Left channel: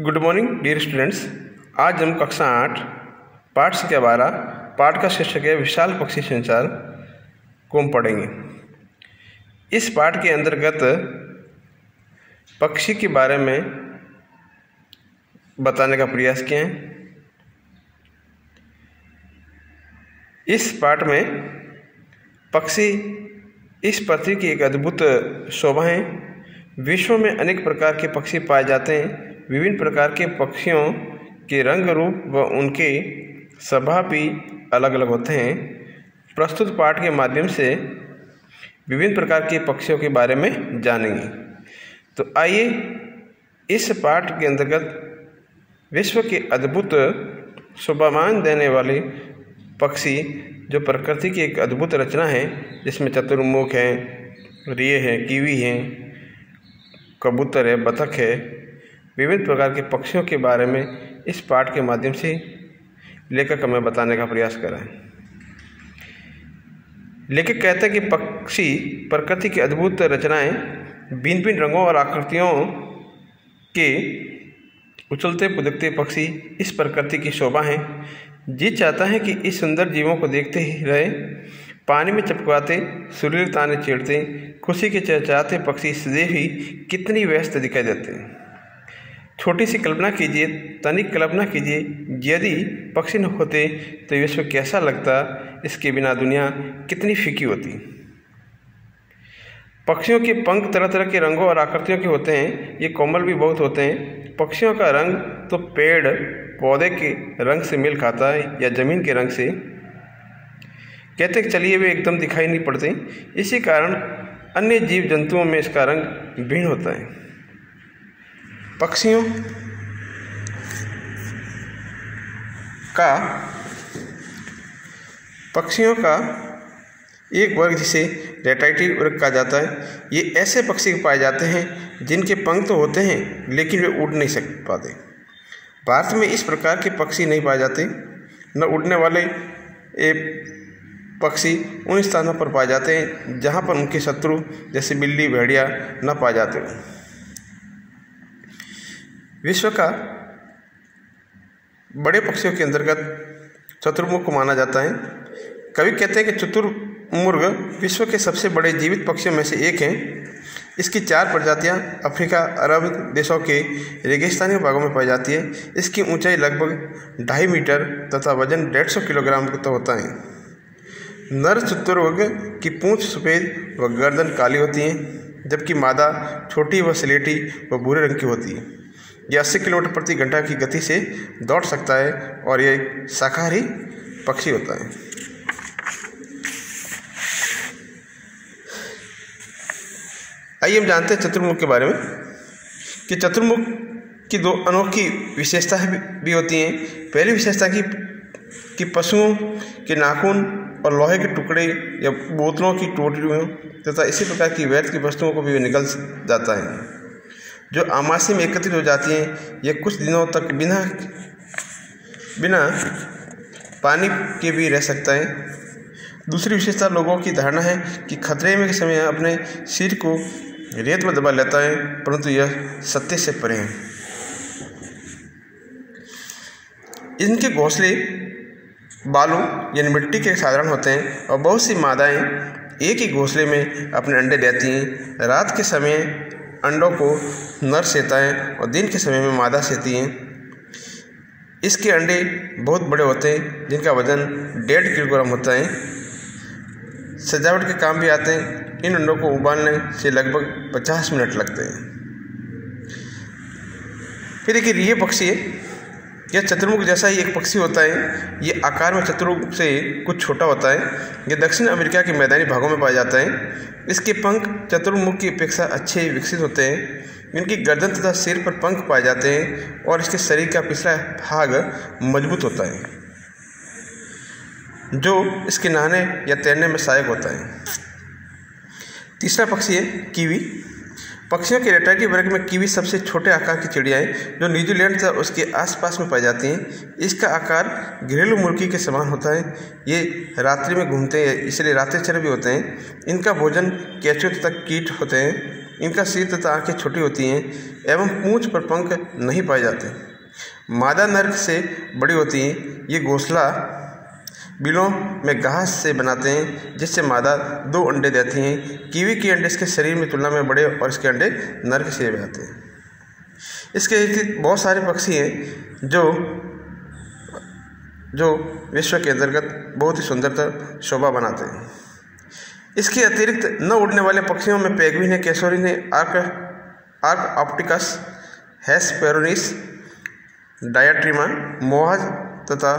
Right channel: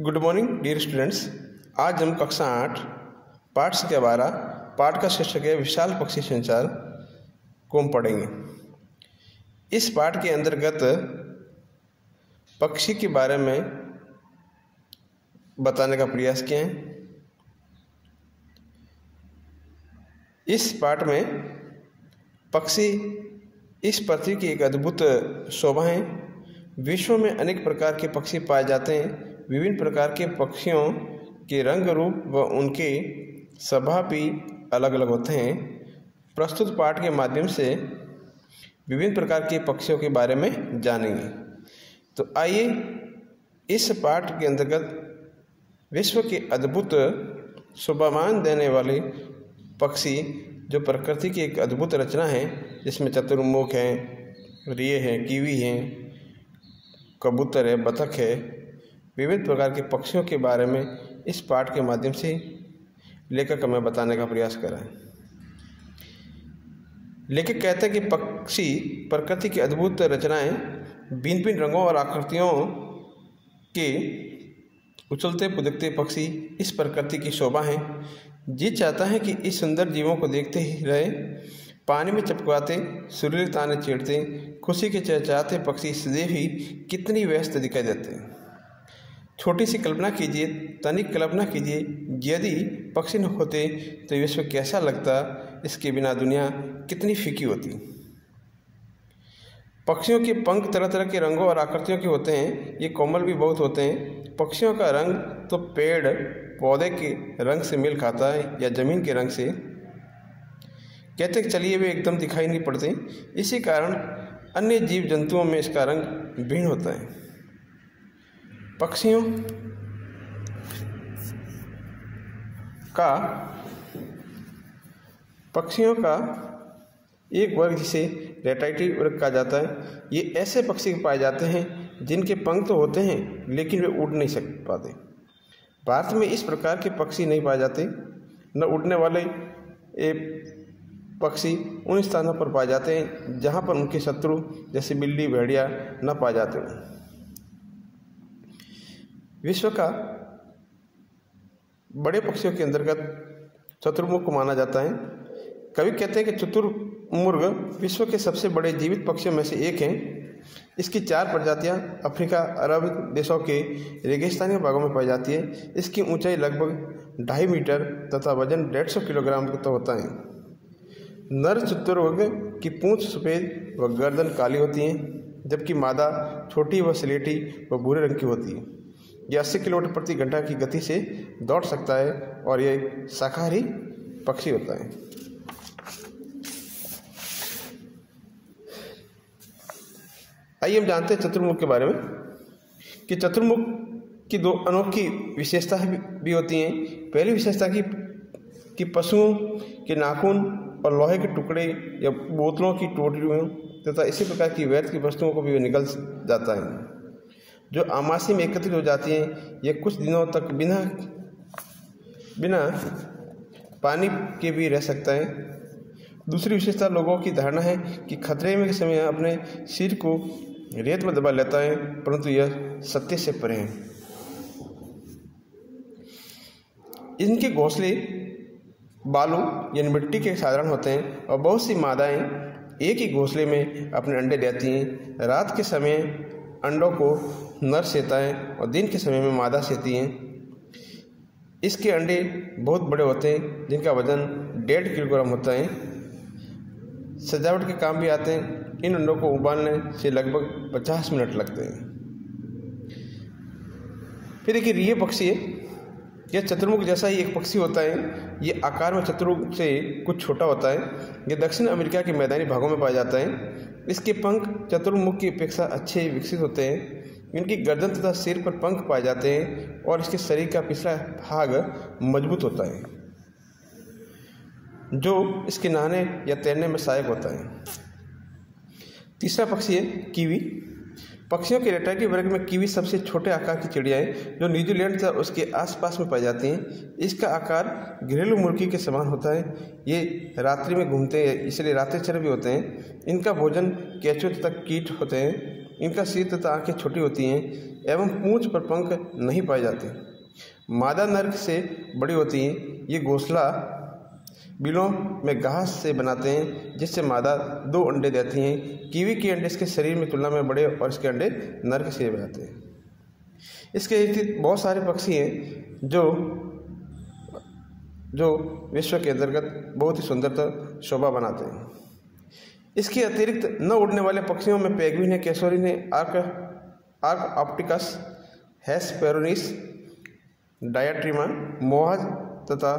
Good morning dear students. आज हम कक्षा 8 पाठ संख्या 12 पाठ का शीर्षक है विशाल पक्षी संसार को हम पढ़ेंगे। इस पाठ के अंतर्गत पक्षी के बारे में बताने का प्रयास किया है। इस पाठ में पक्षी इस पृथ्वी की एक अद्भुत शोभा है। विश्व में अनेक प्रकार के पक्षी पाए जाते हैं। विभिन्न प्रकार के पक्षियों के रंग रूप व उनके स्वभाव भी अलग अलग होते हैं। प्रस्तुत पाठ के माध्यम से विभिन्न प्रकार के पक्षियों के बारे में जानेंगे। तो आइए इस पाठ के अंतर्गत विश्व के अद्भुत शोभामान देने वाले पक्षी जो प्रकृति की एक अद्भुत रचना है, जिसमें चतुर्मुख है, रिये है, कीवी है, कबूतर है, बतख है, विविध प्रकार के पक्षियों के बारे में इस पाठ के माध्यम से लेखक हमें बताने का प्रयास कर रहे हैं। लेखक कहते हैं कि पक्षी प्रकृति की अद्भुत रचनाएं भिन्न भिन्न रंगों और आकृतियों के उछलते कूदते पक्षी इस प्रकृति की शोभा है। जी चाहता है कि इस सुंदर जीवों को देखते ही रहे। पानी में चपकाते, सुरीले ताने छेड़ते, खुशी के चहचहाते पक्षी सदैव ही कितनी व्यस्त दिखाई देते हैं। छोटी सी कल्पना कीजिए, तनिक कल्पना कीजिए, यदि पक्षी न होते तो विश्व कैसा लगता। इसके बिना दुनिया कितनी फीकी होती। पक्षियों के पंख तरह तरह के रंगों और आकृतियों के होते हैं। ये कोमल भी बहुत होते हैं। पक्षियों का रंग तो पेड़ पौधे के रंग से मेल खाता है या जमीन के रंग से। कहते चलिए वे एकदम दिखाई नहीं पड़ते। इसी कारण अन्य जीव जंतुओं में इसका रंग भिन्न होता है। पक्षियों का एक वर्ग जिसे रेटाइटिव वर्ग कहा जाता है। ये ऐसे पक्षी पाए जाते हैं जिनके पंख तो होते हैं लेकिन वे उड़ नहीं पाते। भारत में इस प्रकार के पक्षी नहीं पाए जाते। न उड़ने वाले पक्षी उन स्थानों पर पाए जाते हैं जहाँ पर उनके शत्रु जैसे बिल्ली, भेड़िया न पाए जाते। विश्व का बड़े पक्षियों के अंतर्गत चतुर्मुख को माना जाता है। कवि कहते हैं कि चतुर्मुर्ग विश्व के सबसे बड़े जीवित पक्षियों में से एक हैं। इसकी 4 प्रजातियां अफ्रीका, अरब देशों के रेगिस्तानी भागों में पाई जाती है। इसकी ऊंचाई लगभग 2.5 मीटर तथा वजन 150 किलोग्राम तक होता है। नर चतुर्मुर्ग की पूंछ सफ़ेद व गर्दन काली होती है, जबकि मादा छोटी व स्लेटी व भूरे रंग की होती है। यह 80 किलोमीटर प्रति घंटा की गति से दौड़ सकता है और यह एक शाकाहारी पक्षी होता है। आइए हम जानते हैं चतुर्मुख के बारे में कि चतुर्मुख की 2 अनोखी विशेषताएं भी होती हैं। पहली विशेषता कि पशुओं के नाखून और लोहे के टुकड़े या बोतलों की टोकरियों तथा इसी प्रकार की व्यर्थ की वस्तुओं को भी निकल जाता है, जो आमाशय में एकत्रित हो जाती हैं। यह कुछ दिनों तक बिना पानी के भी रह सकता है। दूसरी विशेषता लोगों की धारणा है कि खतरे में के समय अपने सिर को रेत में दबा लेता है, परंतु यह सत्य से परे है। इनके घोंसले बालू यानी मिट्टी के साधारण होते हैं और बहुत सी मादाएं एक ही घोंसले में अपने अंडे देती हैं। रात के समय अंडों को नर सेता है और दिन के समय में मादा सेती हैं। इसके अंडे बहुत बड़े होते हैं, जिनका वजन 1.5 किलोग्राम होता है। सजावट के काम भी आते हैं। इन अंडों को उबालने से लगभग 50 मिनट लगते हैं। फिर एक रिये पक्षी है। यह चतुर्मुख जैसा ही एक पक्षी होता है। ये आकार में चतुर्मुख से कुछ छोटा होता है। यह दक्षिण अमेरिका के मैदानी भागों में पाया जाता है। इसके पंख चतुर्मुख की अपेक्षा अच्छे विकसित होते हैं। इनकी गर्दन तथा सिर पर पंख पाए जाते हैं और इसके शरीर का पिछला भाग मजबूत होता है, जो इसके नहाने या तैरने में सहायक होता है। तीसरा पक्षी है कीवी। पक्षियों के रेटाइटिव वर्ग में कीवी सबसे छोटे आकार की चिड़िया है, जो न्यूजीलैंड तथा उसके आसपास में पाई जाती हैं। इसका आकार घरेलू मुर्गी के समान होता है। ये रात्रि में घूमते हैं, इसलिए रात्रिचर भी होते हैं। इनका भोजन केंचुए तथा कीट होते हैं। इनका सिर तथा आंखें छोटी होती हैं एवं पूंछ पर पंख नहीं पाए जाते। मादा नर से बड़ी होती हैं। ये घोंसला बिलों में घास से बनाते हैं जिससे मादा 2 अंडे देती हैं। कीवी के अंडे इसके शरीर में तुलना में बड़े और इसके अंडे नर के शरीर में आते हैं। इसके बहुत सारे पक्षी हैं जो विश्व के अंतर्गत बहुत ही सुंदरता शोभा बनाते हैं। इसके अतिरिक्त न उड़ने वाले पक्षियों में पेंगुइन है, कैसोरिन है, आर्क ऑप्टिकस, हेस्पेरोनिस, डायट्रीमा, मोहाज तथा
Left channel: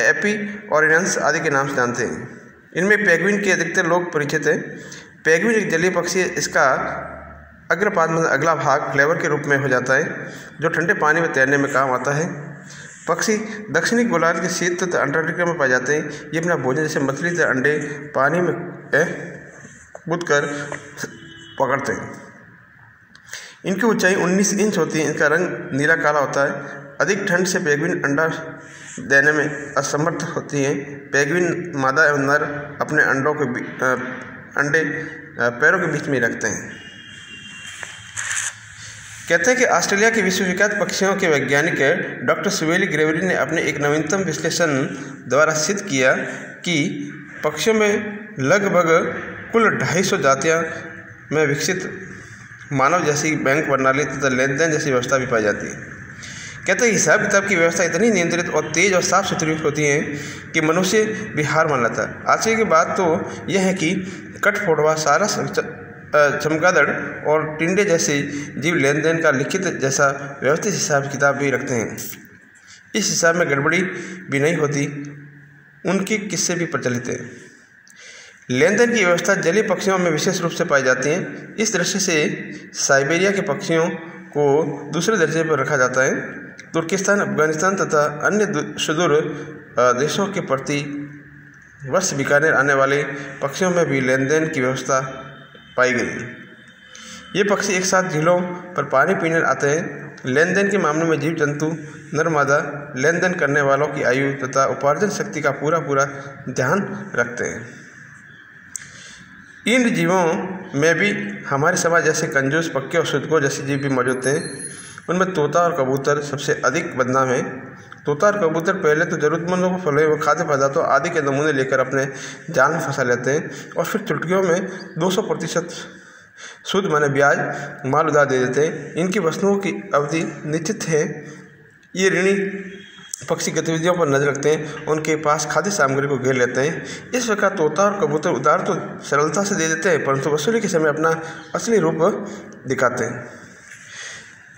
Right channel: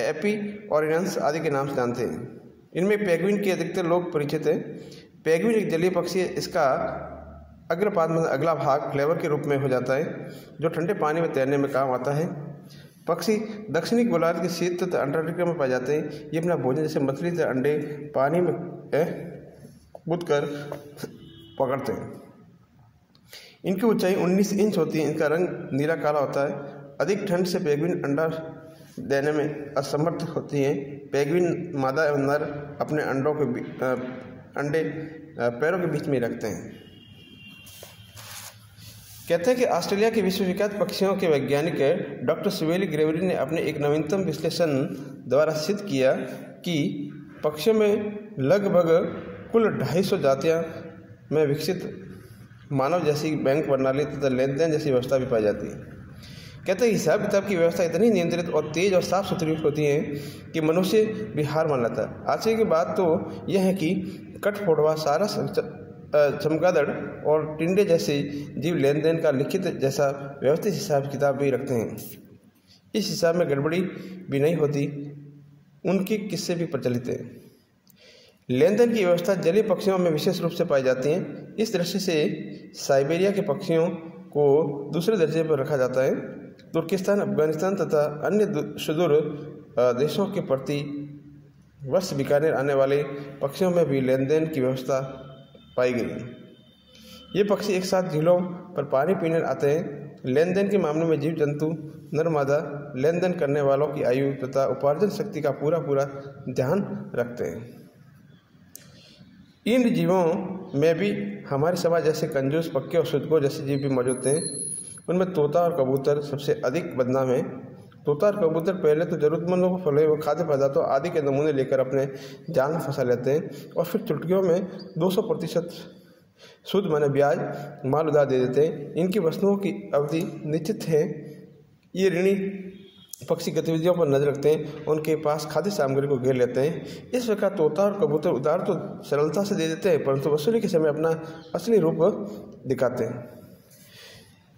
एपीओरिनस आदि के नाम से जानते हैं। इनमें पेंगुइन के अधिकतर लोग परिचित हैं। पेंगुइन एक जलीय पक्षी है। इसका अग्रपाद में अगला भाग फ्लेवर के रूप में हो जाता है जो ठंडे पानी में तैरने में काम आता है। पक्षी दक्षिणी गोलार्ध के शीत तथा अंटार्कटिका में पाए जाते हैं। ये अपना भोजन जैसे मछली तथा अंडे पानी में कूद कर पकड़ते हैं। इनकी ऊंचाई 19 इंच होती है। इनका रंग नीला काला होता है। अधिक ठंड से पेंगुइन अंडा देने में असमर्थ होती हैं। पेंगुइन मादा एवं नर अपने अंडे पैरों के बीच में रखते हैं। कहते हैं कि ऑस्ट्रेलिया के विश्वविख्यात पक्षियों के वैज्ञानिक डॉक्टर सुवेली ग्रेवरी ने अपने एक नवीनतम विश्लेषण द्वारा सिद्ध किया कि पक्षियों में लगभग कुल 250 जातियां में विकसित मानव जैसी बैंक प्रणाली तथा लेन देन जैसी व्यवस्था भी पाई जाती है। कहते हैं हिसाब किताब की व्यवस्था इतनी नियंत्रित और तेज और साफ सुथरी होती है कि मनुष्य भी हार मान लेता है। आश्चर्य की बात तो यह है कि कठफोड़वा, सारस, चमगादड़ और टिंडे जैसे जीव लेन देन का लिखित जैसा व्यवस्थित हिसाब किताब भी रखते हैं। इस हिसाब में गड़बड़ी भी नहीं होती। उनके किस्से भी प्रचलित हैं। लेन देन की व्यवस्था जलीय पक्षियों में विशेष रूप से पाई जाती है। इस दृष्टि से साइबेरिया के पक्षियों को दूसरे दर्जे पर रखा जाता है। तुर्किस्तान, अफगानिस्तान तथा अन्य सुदूर देशों के प्रति वर्ष बीकानेर आने वाले पक्षियों में भी लेन देन की व्यवस्था पाई गई। ये पक्षी एक साथ झीलों पर पानी पीने आते हैं। लेन देन के मामले में जीव जंतु नर मादा लेन देन करने वालों की आयु तथा उपार्जन शक्ति का पूरा ध्यान रखते हैं। इन जीवों में भी हमारे समाज जैसे कंजूस, पक्के और शुद्धकोर जैसे जीव भी मौजूद हैं। उनमें तोता और कबूतर सबसे अधिक बदनाम हैं। तोता और कबूतर पहले तो जरूरतमंदों को फलों व खाद्य पदार्थों आदि के नमूने लेकर अपने जाल में फंसा लेते हैं और फिर चुटकियों में 200% शुद्ध माने ब्याज माल उधार दे देते हैं। इनकी वस्तुओं की अवधि निश्चित है। ये ऋणी पक्षी गतिविधियों पर नजर रखते हैं, उनके पास खाद्य सामग्री को घेर लेते हैं। इस प्रकार तोता और कबूतर उधार तो सरलता से दे देते हैं परंतु वसूली के समय अपना असली रूप दिखाते हैं।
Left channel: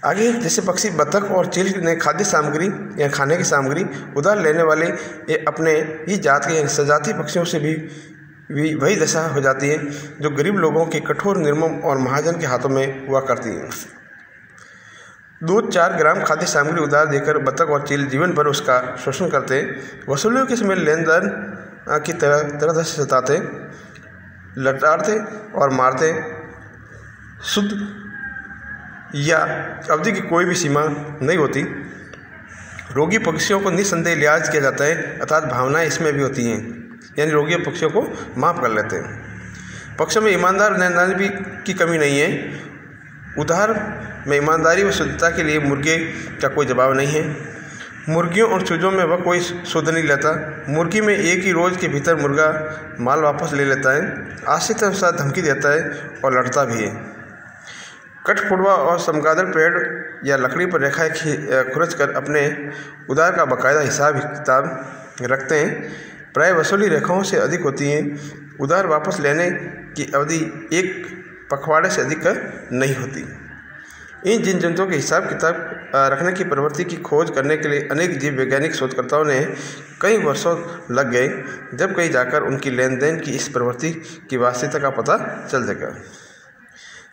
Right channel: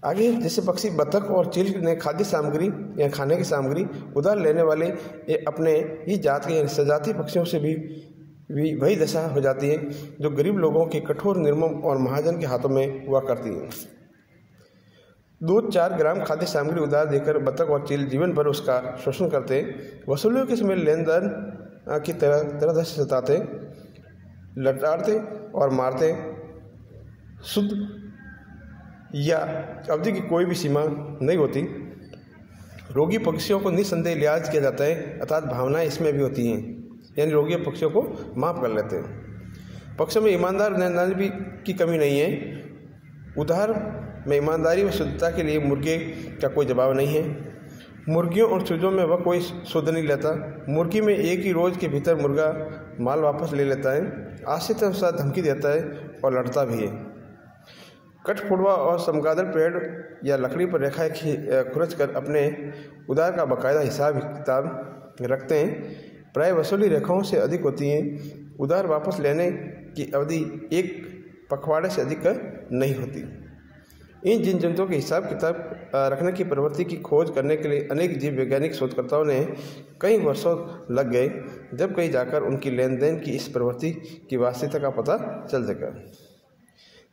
आगे जैसे पक्षी बतख और चील ने खाद्य सामग्री या खाने की सामग्री उधार लेने वाले ये अपने ही जात के सजातीय पक्षियों से भी वही दशा हो जाती है जो गरीब लोगों के कठोर, निर्मम और महाजन के हाथों में हुआ करती है। दूध 4 ग्राम खाद्य सामग्री उधार देकर बतख और चील जीवन भर उसका शोषण करते। वसूलियों के समय लेन देन की तरह से सताते, लटारते और मारते। शुद्ध या अवधि की कोई भी सीमा नहीं होती। रोगी पक्षियों को निस्संदेह लिहाज किया जाता है अर्थात भावनाएं इसमें भी होती हैं, यानी रोगी पक्षियों को माफ कर लेते हैं। पक्षियों में ईमानदार और न्यायदान भी की कमी नहीं है। उधार में ईमानदारी व शुद्धता के लिए मुर्गे का कोई जवाब नहीं है। मुर्गियों और चूजों में वह कोई शुद्ध नहीं लेता। मुर्गी में एक ही रोज के भीतर मुर्गा माल वापस ले लेता है, आश्रित अनुसार धमकी देता है और लड़ता भी है। कठफोड़वा और चमगादड़ पेड़ या लकड़ी पर रेखाएं खुरच कर अपने उधार का बाकायदा हिसाब किताब रखते हैं। प्राय वसूली रेखाओं से अधिक होती हैं। उधार वापस लेने की अवधि 1 पखवाड़े से अधिक नहीं होती। इन जीव जंतुओं के हिसाब किताब रखने की प्रवृत्ति की खोज करने के लिए अनेक जीव वैज्ञानिक शोधकर्ताओं ने कई वर्षों लग गए, जब कहीं जाकर उनकी लेन देन की इस प्रवृत्ति की वास्तविकता का पता चल सका।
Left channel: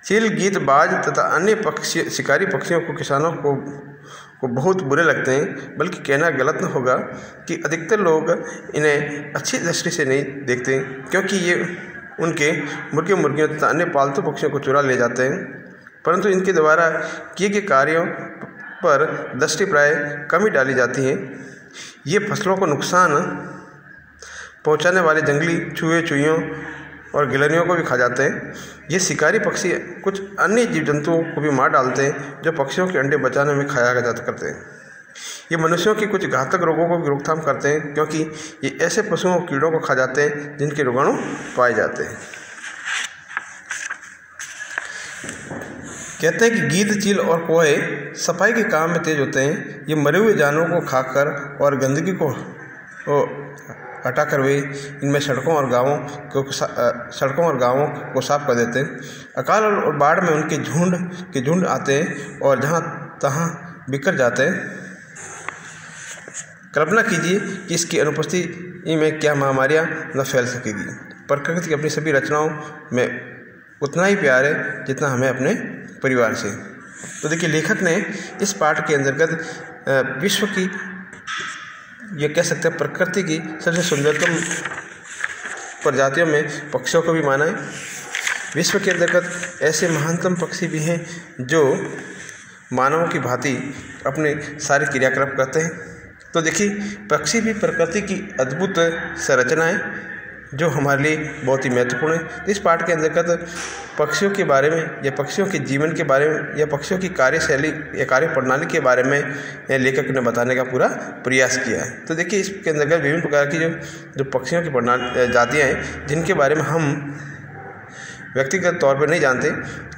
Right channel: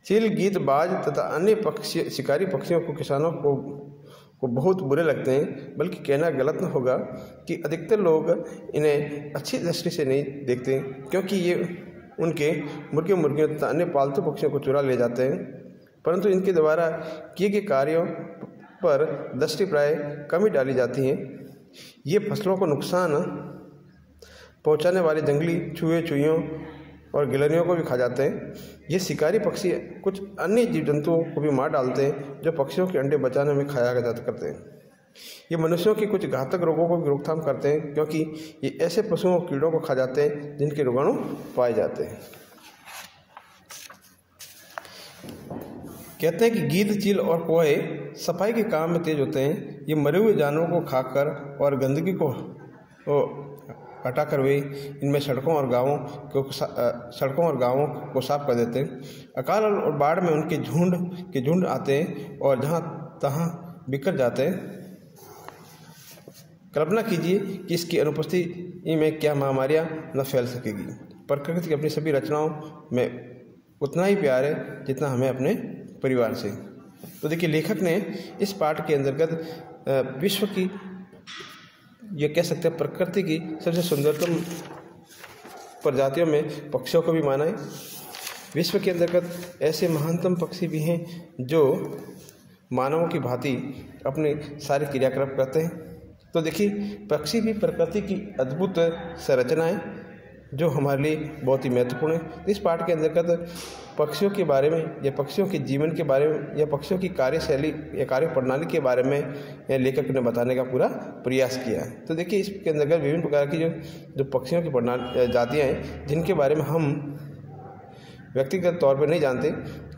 चील, गीत, बाज तथा अन्य शिकारी पक्षियों को किसानों को बहुत बुरे लगते हैं, बल्कि कहना गलत न होगा कि अधिकतर लोग इन्हें अच्छी दृष्टि से नहीं देखते क्योंकि ये उनके मुर्गे, मुर्गियों तथा अन्य पालतू पक्षियों को चुरा ले जाते हैं। परंतु इनके द्वारा किए गए कार्यों पर दृष्टि प्राय कम ही डाली जाती है। ये फसलों को नुकसान पहुंचाने वाले जंगली चूहे, चूहियों और गिलहरियों को भी खा जाते हैं। ये शिकारी पक्षी कुछ अन्य जीव जंतुओं को भी मार डालते हैं जो पक्षियों के अंडे बचाने में खाया जाता करते हैं। ये मनुष्यों के कुछ घातक रोगों को भी रोकथाम करते हैं क्योंकि ये ऐसे पशुओं कीड़ों को खा जाते हैं जिनके रोगाणु पाए जाते हैं। कहते हैं कि गीद, चील और कोहे सफाई के काम में तेज होते हैं। ये मरे हुए जानवरों को खाकर और गंदगी को हटाकर वे इनमें सड़कों और गांवों को साफ कर देते हैं। अकाल और बाढ़ में उनके झुंड आते हैं और जहां तहां बिखर जाते हैं। कल्पना कीजिए कि इसकी अनुपस्थिति में क्या महामारियां न फैल सकेगी। प्रकृति की अपनी सभी रचनाओं में उतना ही प्यार है जितना हमें अपने परिवार से। तो देखिए, लेखक ने इस पाठ के अंतर्गत विश्व की, ये कह सकते हैं प्रकृति की सबसे सुंदरतम प्रजातियों में पक्षियों को भी माना है। विश्व के अंतर्गत ऐसे महानतम पक्षी भी हैं जो मानवों की भांति अपने सारे क्रियाकलाप करते हैं। तो देखिए, पक्षी भी प्रकृति की अद्भुत संरचना है जो हमारे लिए बहुत ही महत्वपूर्ण है। इस पाठ के अंतर्गत पक्षियों के बारे में या पक्षियों के जीवन के बारे में या पक्षियों की कार्यशैली या कार्य प्रणाली के बारे में लेखक ने बताने का पूरा प्रयास किया है। तो देखिए, इसके अंतर्गत विभिन्न प्रकार की जो पक्षियों की जातियाँ हैं जिनके बारे में हम व्यक्तिगत तौर पर नहीं जानते,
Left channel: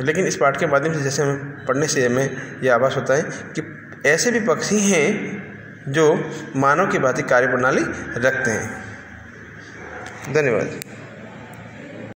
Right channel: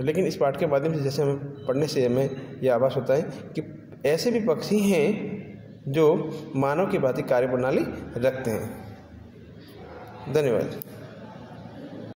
लेकिन इस पाठ के माध्यम से जैसे हमें पढ़ने से हमें यह आभास होता है कि ऐसे भी पक्षी हैं जो मानव की भांति कार्य प्रणाली रखते हैं। धन्यवाद।